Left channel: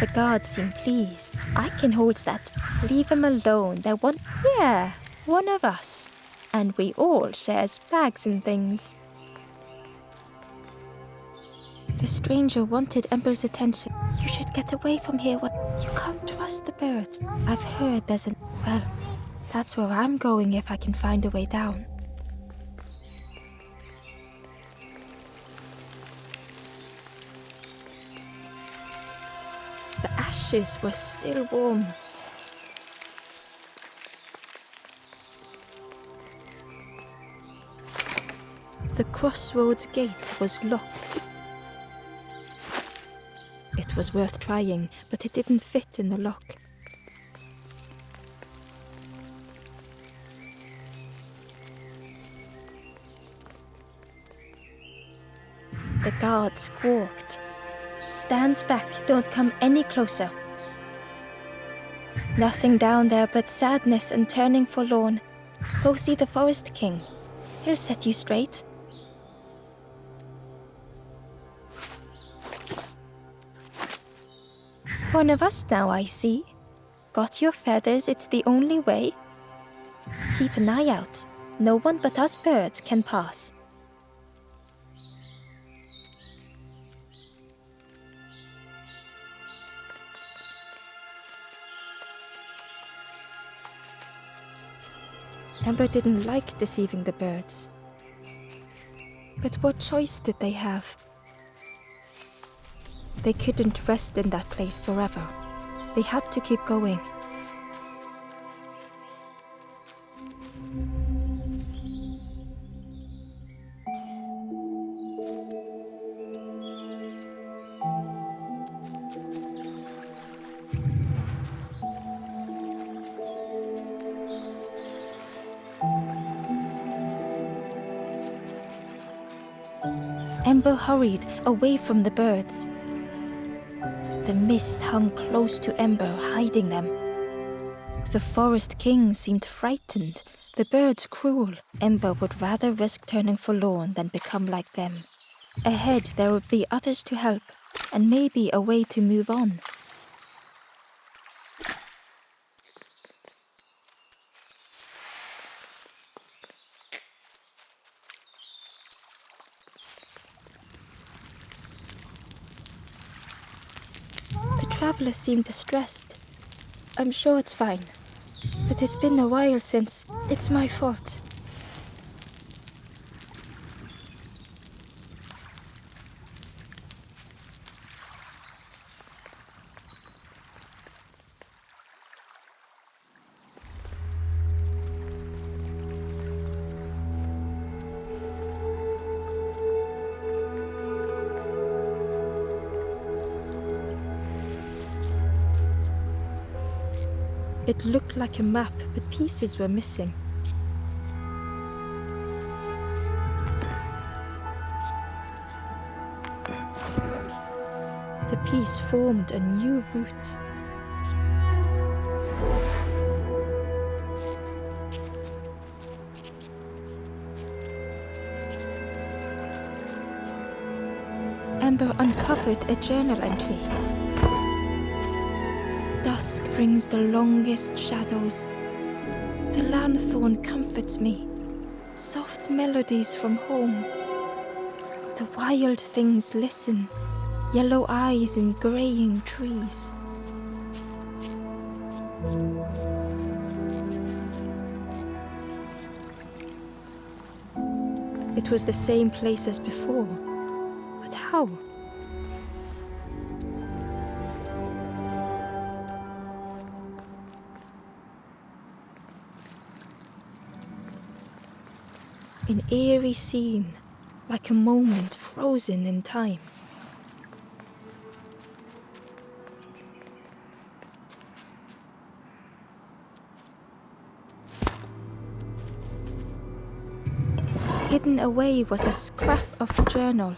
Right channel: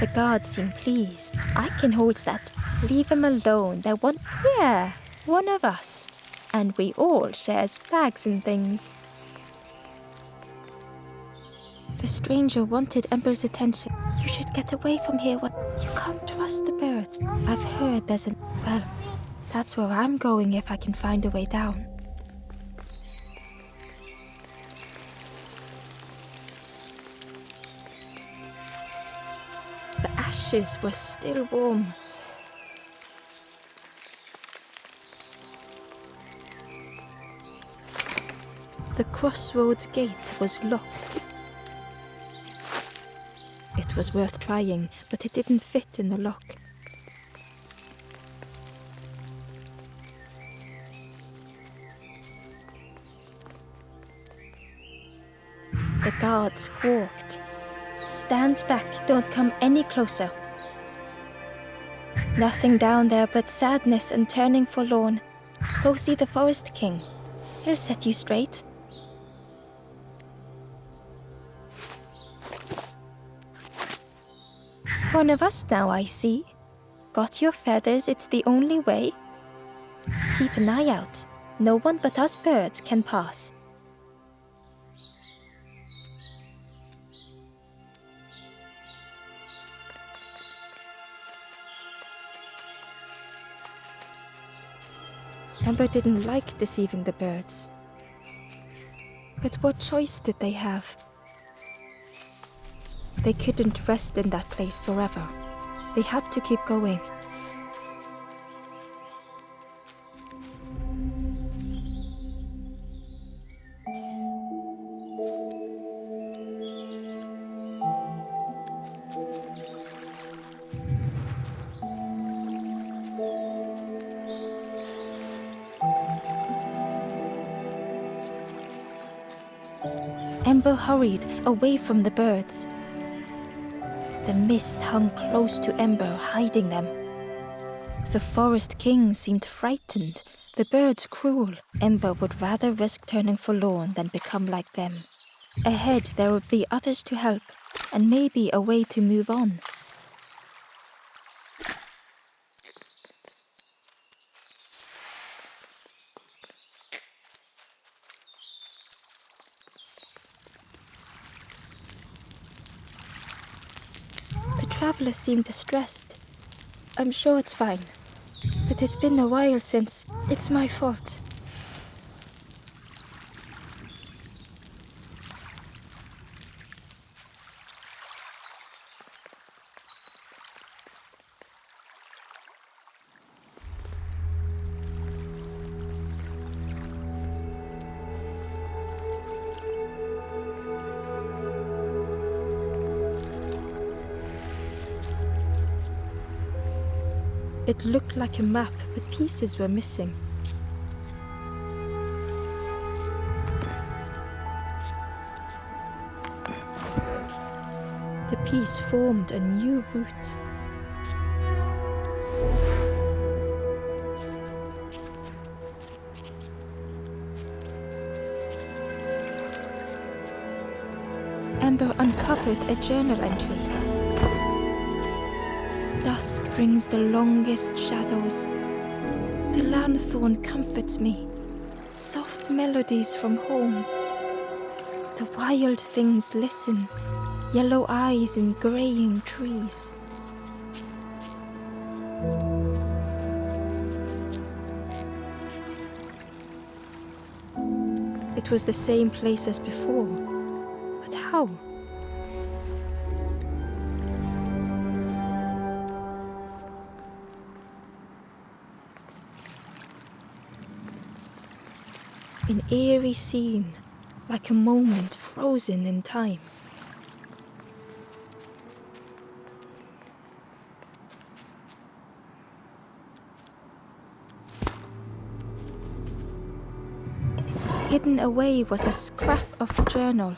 The guards seem pleased. I can hold that. Leave him alone. They're one of us. And we all shares bags and things. The stranger wanted Ember's attention. You should get away from here. You can't trust the birds. I've heard there's well, that's where I'm going if I can find a way down. The ashes were still warm. The crossroads gate was locked. It was worth trying, but it didn't fit in the lock. The guard squawked. Stand back, don't come any closer. Nothing down there but sadness and turning forlorn. Go see the Forest King. He'll set you straight. One of us now, I see. Got your feathers, it's the only way. Keep an eye out. No one but us birds can pass. Ember didn't like deceiving the birds. But what choice did they have? They couldn't rest in that place forever. They had to keep going. Ember hurried away from the birds. The mist hung close to Ember, hiding them. The Forest King seemed frightened, the birds cruel. Ember would rather risk turning forlorn than become like them. Ahead there would be others to help, and maybe a way to move on. The traveler seemed distressed. I'm sure it's fine, but it's been a while since. It's my fault. It looked like a map, but pieces were missing. The piece formed a new route. Ember uncovered a journal entry. Dusk brings the longest shadows. The lanthorn comforts me. Soft melodies from home. The wild things listen. Yellow eyes in graying trees. It was the same place as before. But how? An eerie scene, like a moment frozen in time. Hidden away was a scrap of journal.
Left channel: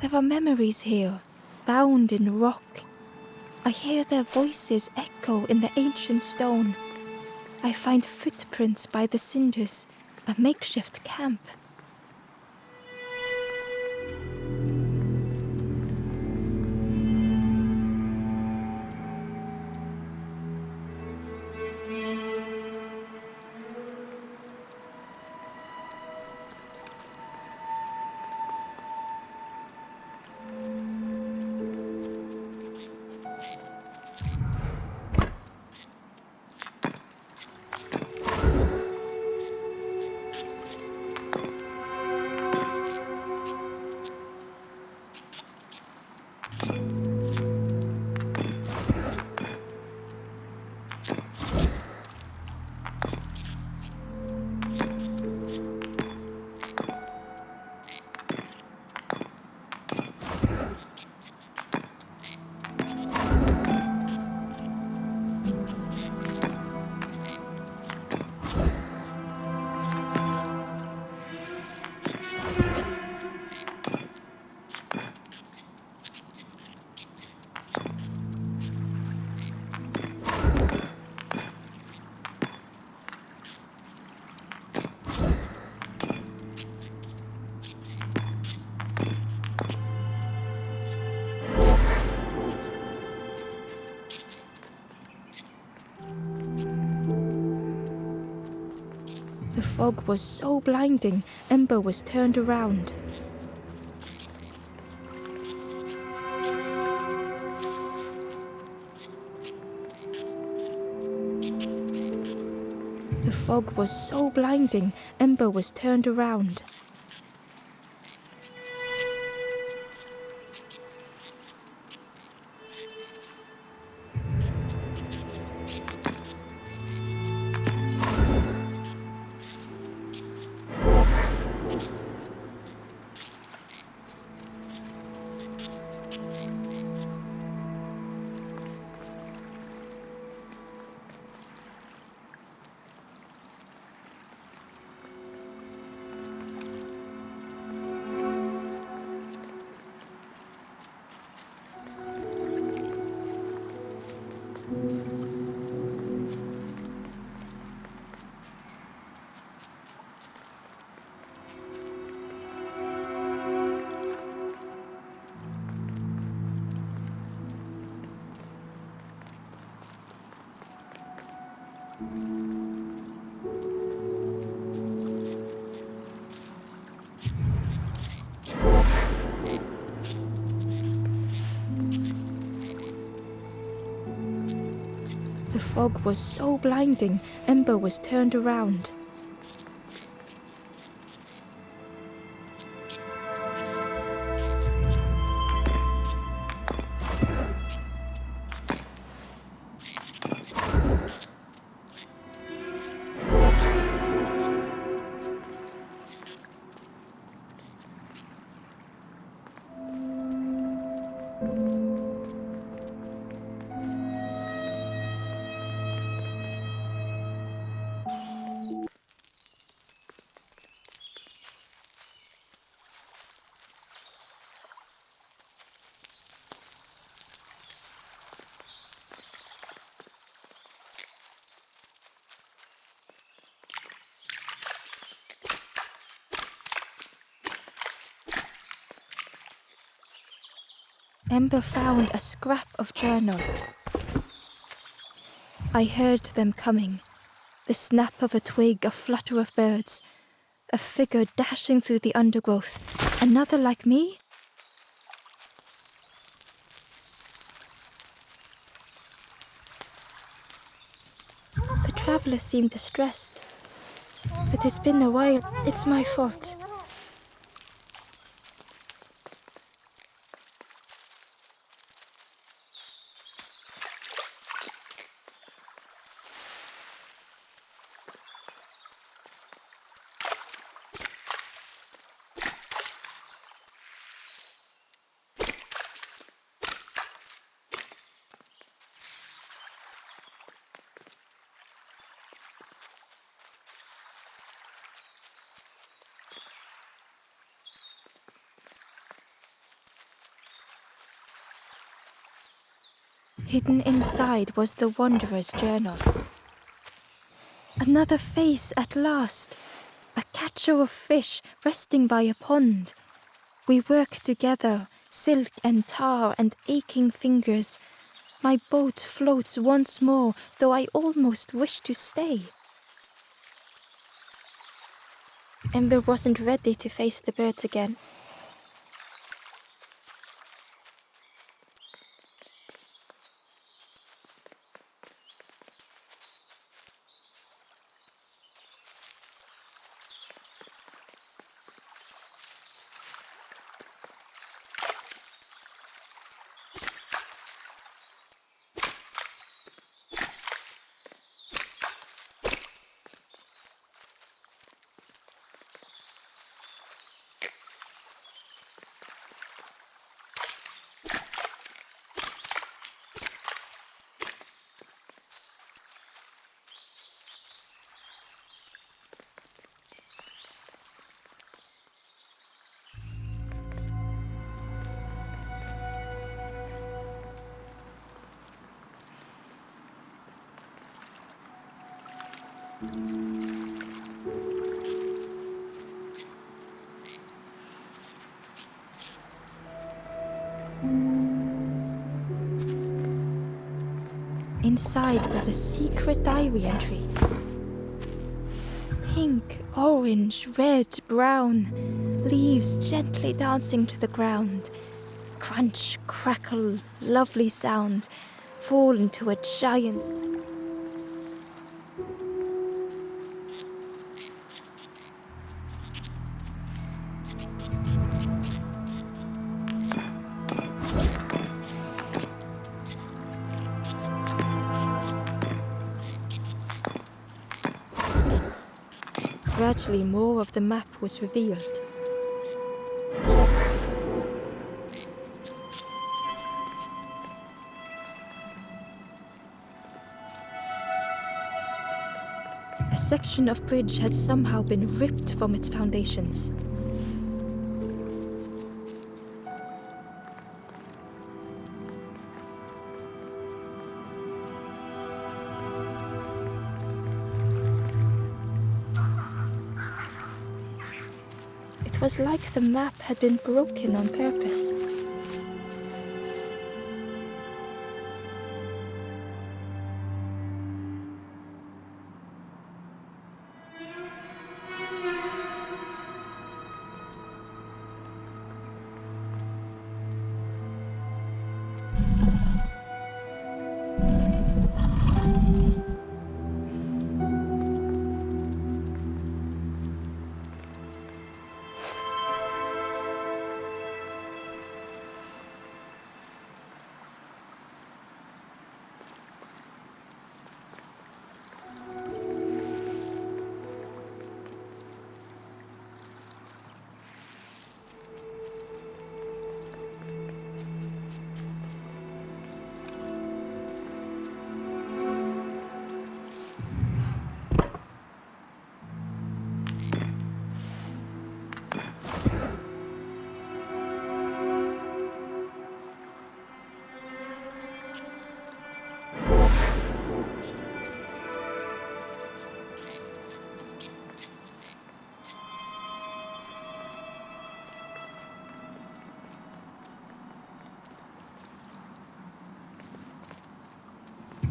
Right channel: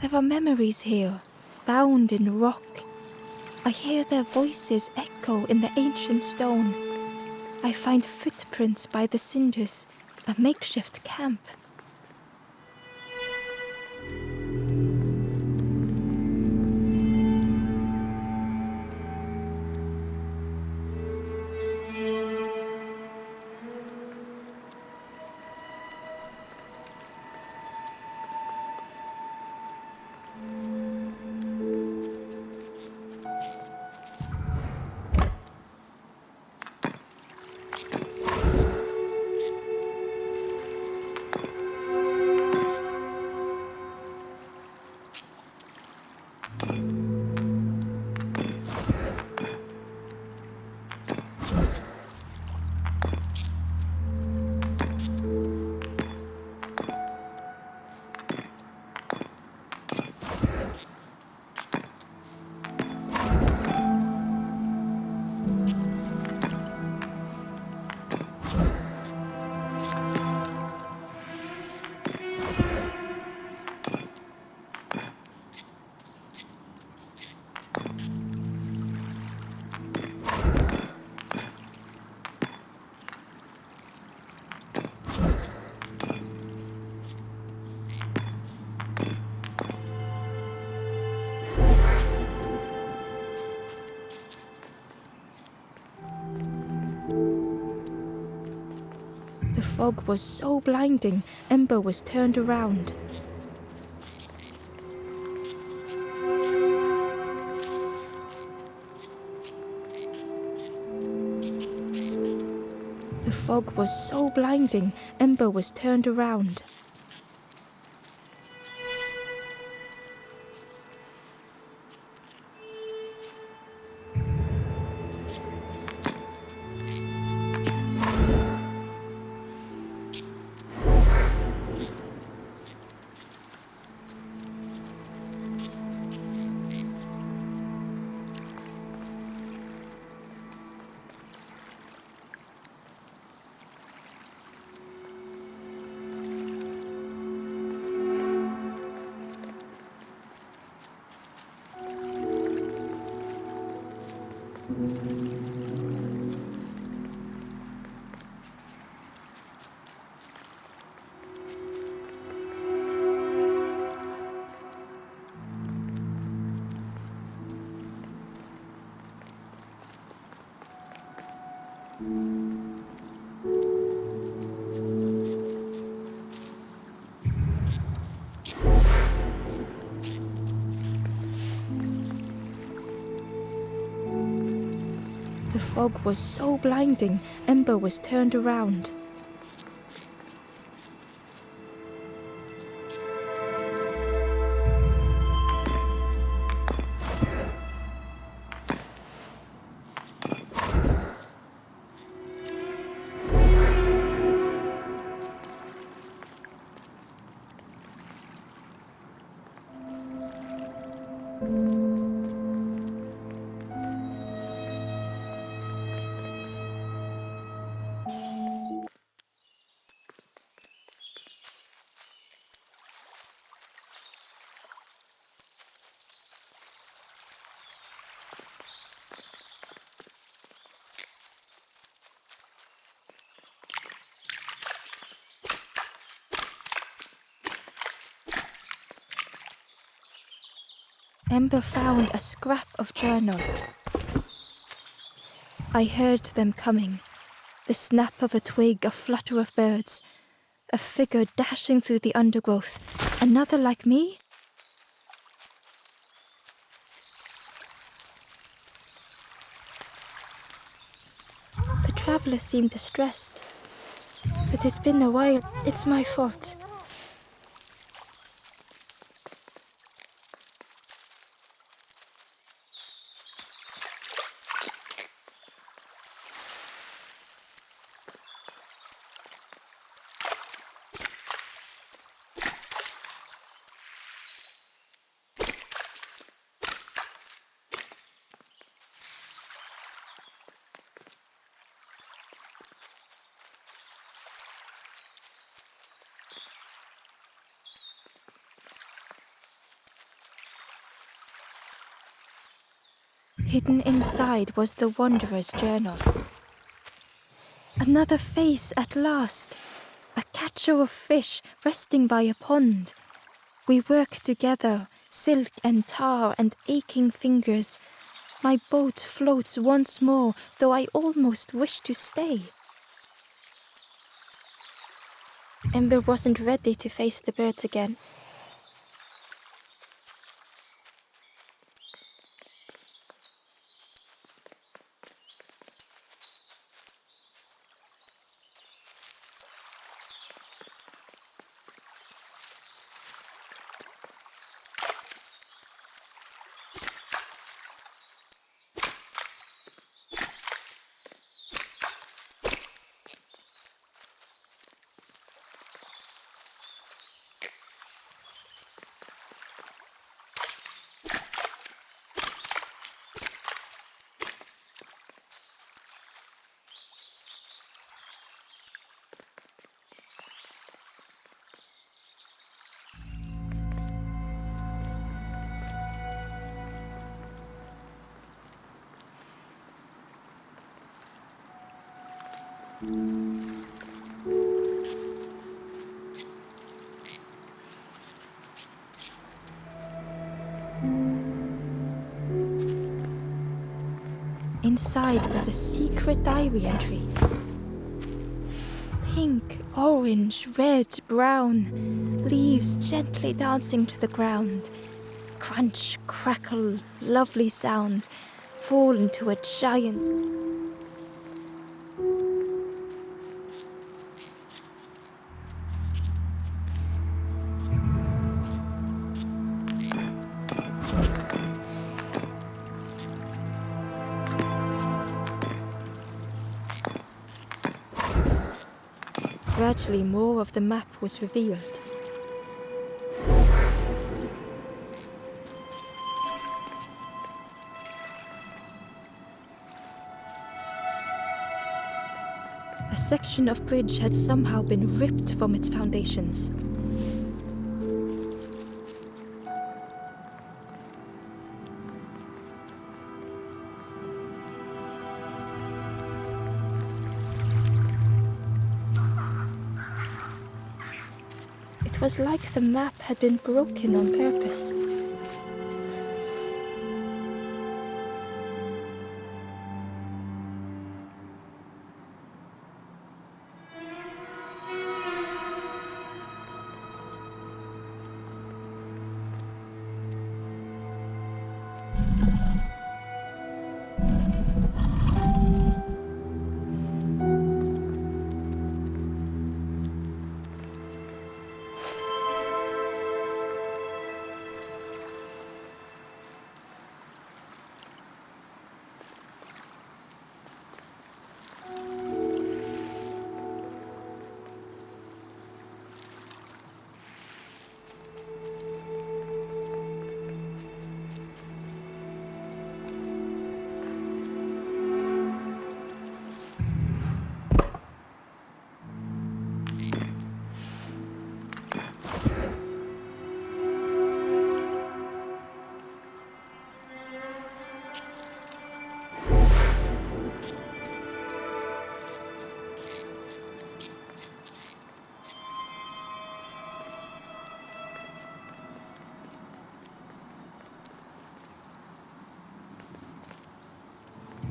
There were memories here, bound in rock. I hear their voices echo in the ancient stone. I find footprints by the cinders, a makeshift camp. fog was so blinding, Ember was turned around. The fog was so blinding, Ember was turned around. The fog was so blinding, Ember was turned around. Ember found a scrap of journal. I heard them coming. The snap of a twig, a flutter of birds. A figure dashing through the undergrowth. Another like me? The traveler seemed distressed. But it's been a while. It's my fault. Hidden inside was the Wanderer's journal. Another face at last. A catcher of fish resting by a pond. We work together, silk and tar and aching fingers. My boat floats once more, though I almost wish to stay. Ember wasn't ready to face the birds again. Inside was a secret diary entry. Pink, orange, red, brown, leaves gently dancing to the ground. Crunch, crackle, lovely sound, fall into a giant... Gradually more of the map was revealed. A section of bridge had somehow been ripped from its foundations. It was like the map had been broken on purpose.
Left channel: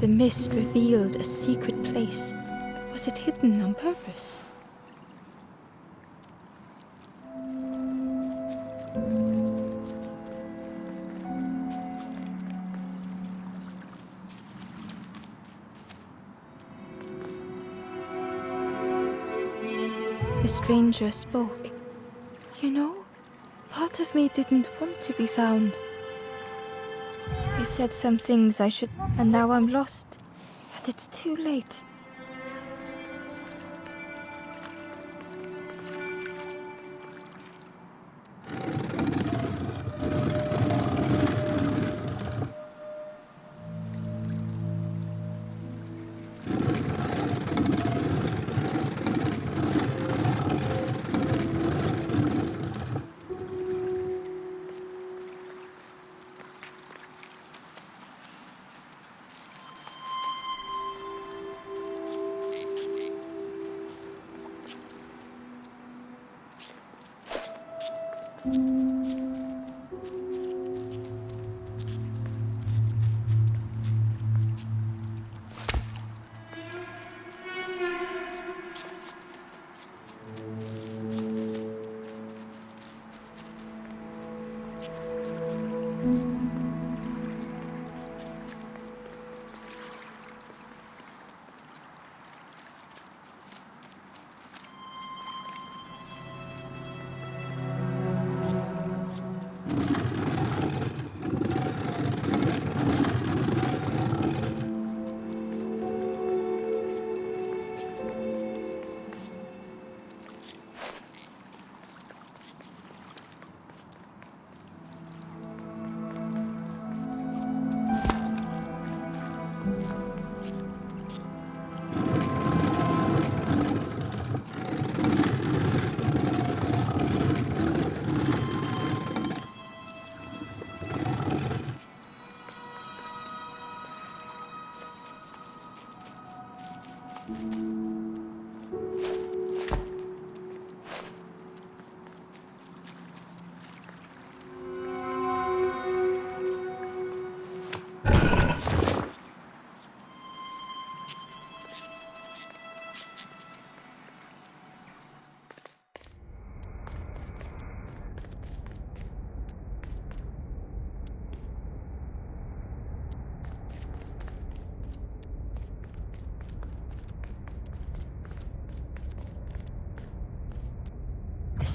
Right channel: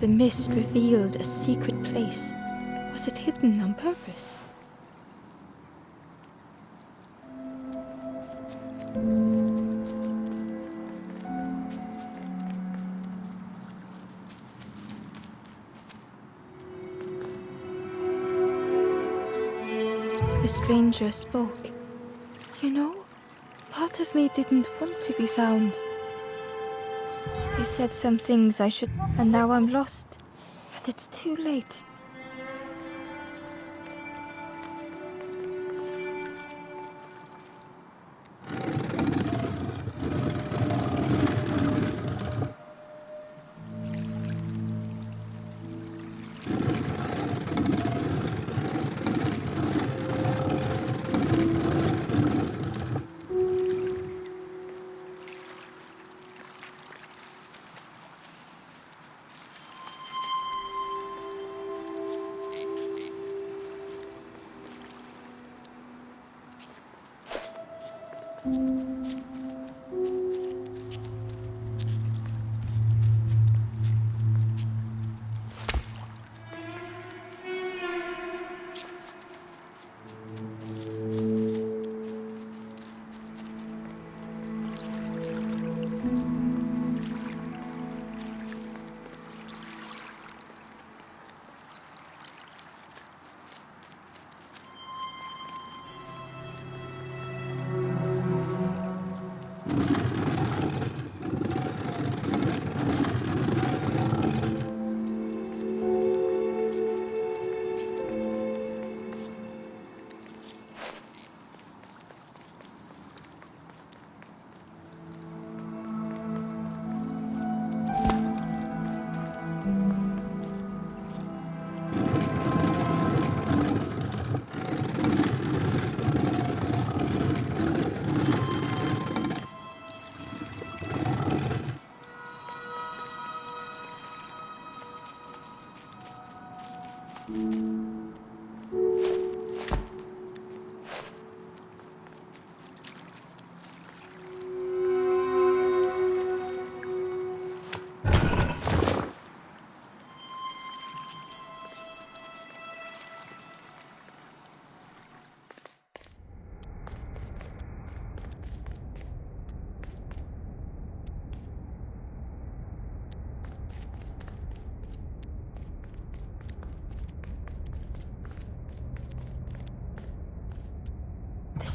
The mist revealed a secret place. Was it hidden on purpose? The stranger spoke. You know, part of me didn't want to be found. He said some things I should, and now I'm lost. And it's too late.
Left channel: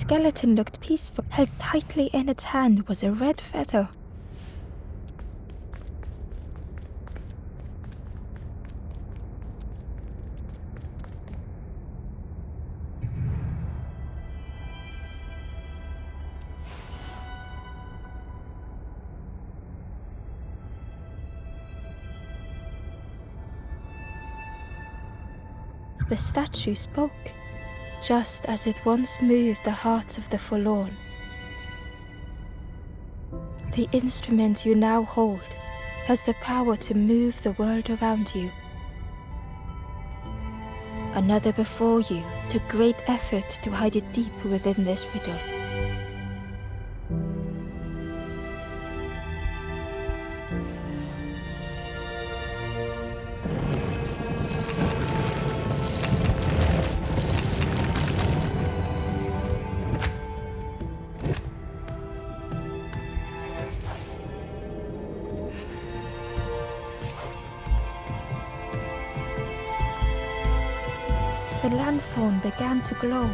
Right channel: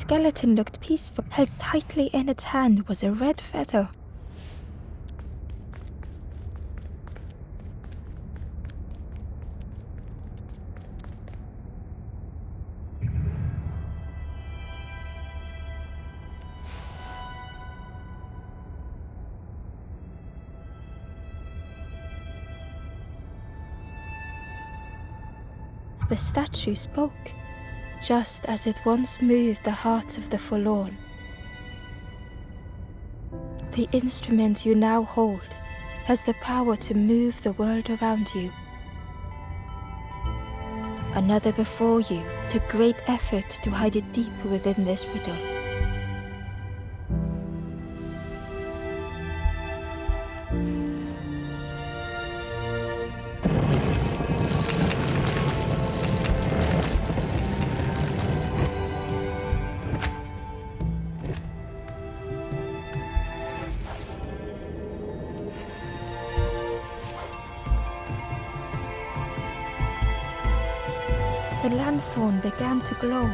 skeleton looked peaceful. Held tightly in its hand was a red feather. The statue spoke, just as it once moved the hearts of the forlorn. The instrument you now hold has the power to move the world around you. Another before you took great effort to hide it deep within this riddle. The lanthorn began to glow.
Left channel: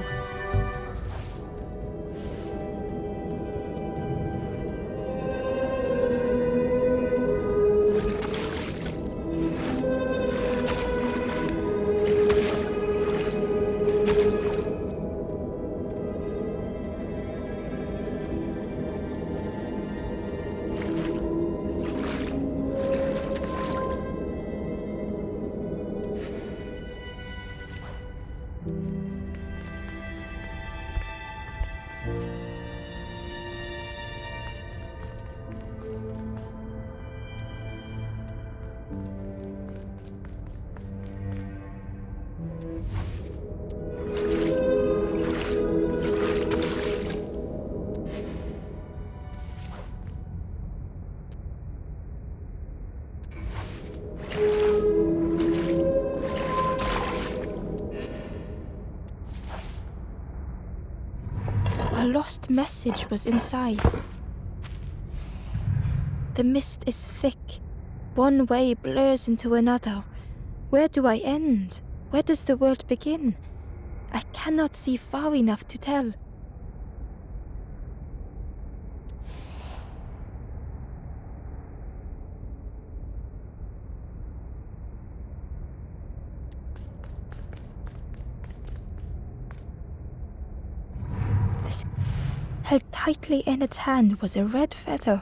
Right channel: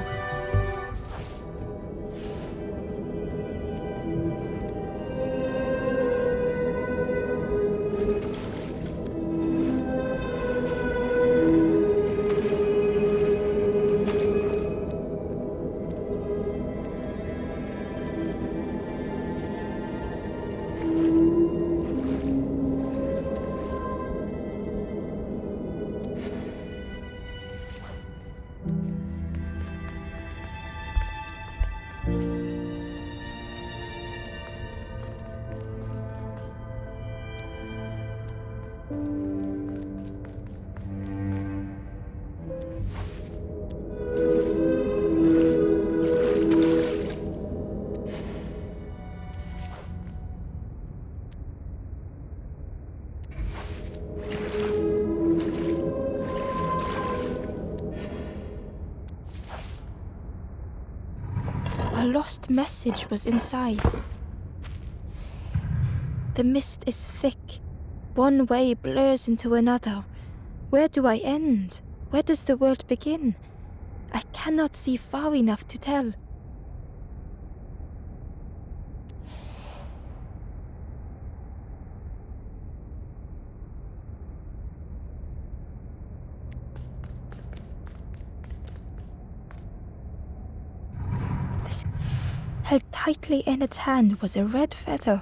A lost message was inside. The mist is thick. One way blurs into another. Where do I end? Where does the world begin? I cannot see far enough to tell. Held tightly in its hand was a red feather.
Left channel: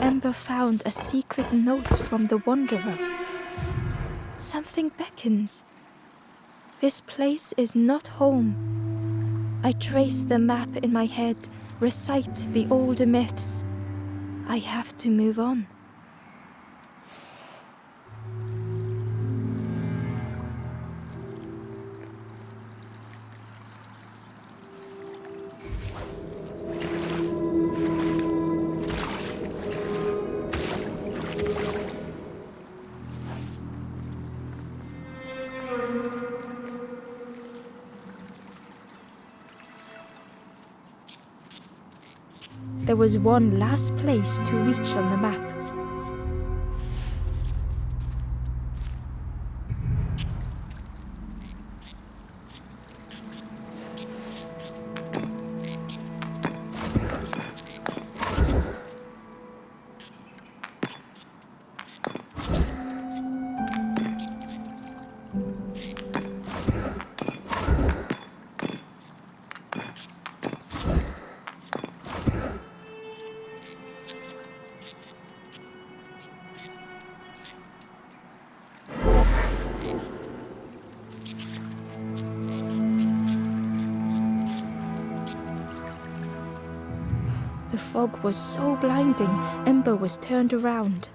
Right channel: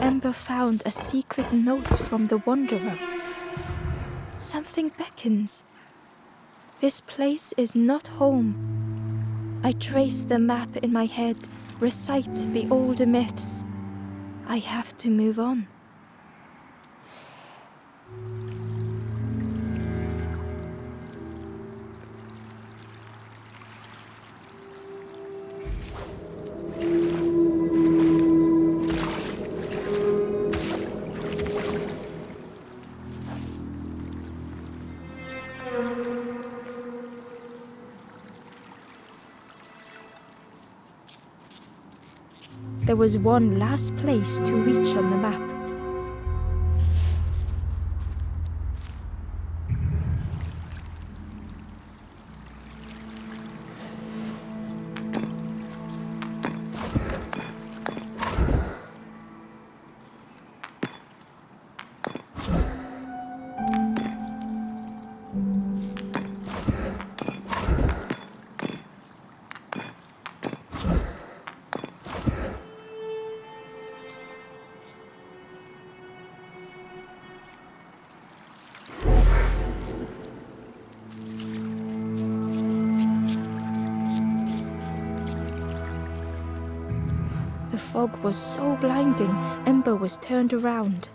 Ember found a secret note from the Wanderer. Something beckons. This place is not home. I trace the map in my head, recite the older myths. I have to move on. There was one last place to reach on the map. The fog was so blinding, Ember was turned around.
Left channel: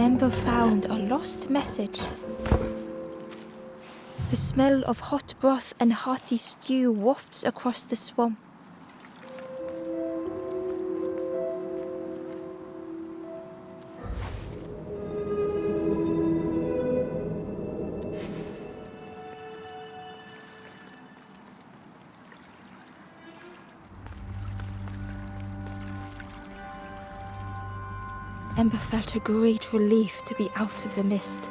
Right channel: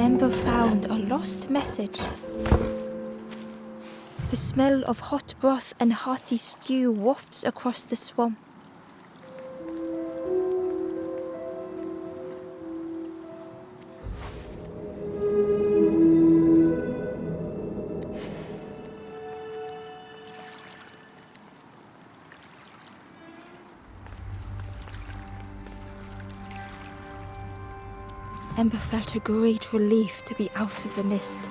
Ember found a lost message. The smell of hot broth and hearty stew wafts across the swamp. Ember felt a great relief to be out of the mist.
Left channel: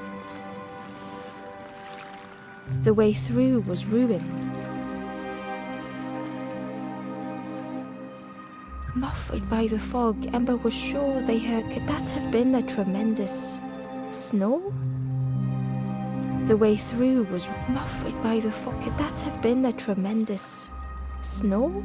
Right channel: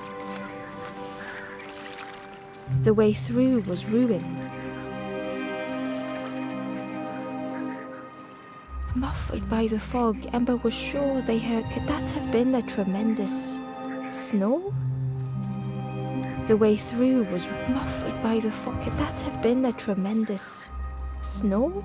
The way through was ruined. Muffled by the fog, Ember was sure they heard. Could that have been a tremendous snow? The way through was muffled by the fog. Could that have been a tremendous snow?